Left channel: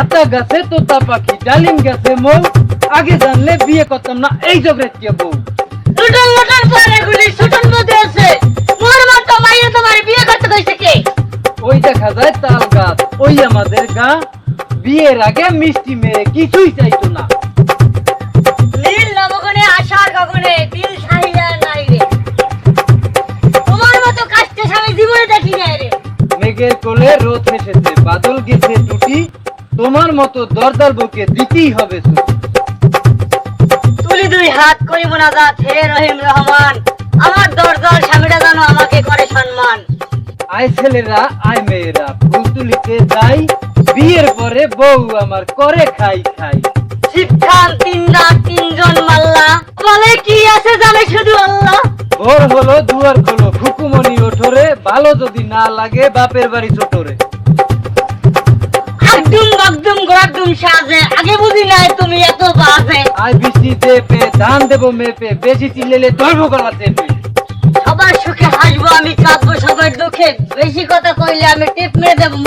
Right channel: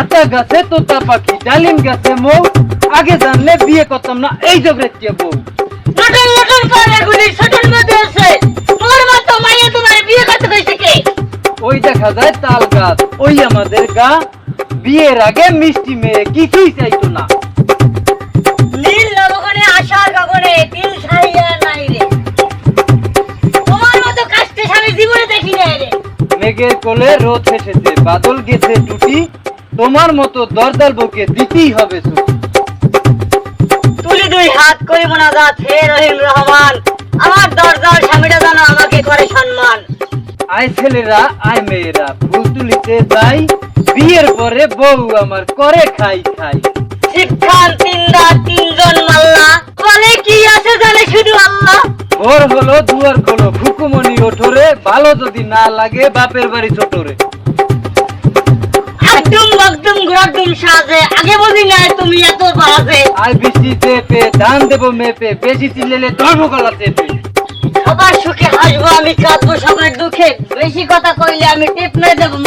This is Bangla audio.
আতা গাছে তোতা পাখি ডালিম গাছে মৌ। আগে জানলে বিয়ে করতাম না এই জগরে কে বউ। লটন লটন করে গুলি ছোটর মধ্যে আছে। মোর মতো মাইয়া তোমার বিয়ে করতে কইছে কে? ওই দেখা যায় তাল গাছ ওই আমাদের গা। বিয়ের আগে মিষ্টি মেয়ে কিছুই চাইতো না। নীল আশার গগনে দিল সাহিয়া নাই রে। তোমার মতো কাস্তে স্বামী জীবনে দেখি নাই রে। মেঘের কোলে রোদ হেসেছে বাদল গেছে টুটি। তোমার মতো দরদার বউকে দিতেই হবে তুলি দুই হাত করে মোনাজাত হে রহিম রহমান। আমার দরজার স্বামীটা যেন আমাকে করে সম্মান। আয় ছেলেরা আয় মেয়েরা ফুল তুলিতে যাই বিয়ের পরে বউ আমার করে খাই খাই। শিবখান তিনদা তিনজন মাল্লা বলে কি আছে জানে শুধু আল্লাহ? ভোর হলো দুয়ার খোলো খুকুমনি ওঠরে ভালো যদি না লাগে বাপের বাড়ি ছোটরে আর বেশি চেপে দাম দেবো মেপে, বেশি চিল্লেলে ধর্ম গলা চেপে। সবার সুখে হাসবো, আমি কাঁদবো, সবার দুঃখে। বেশি কথা কইলে আমি টিপ নয় দেবো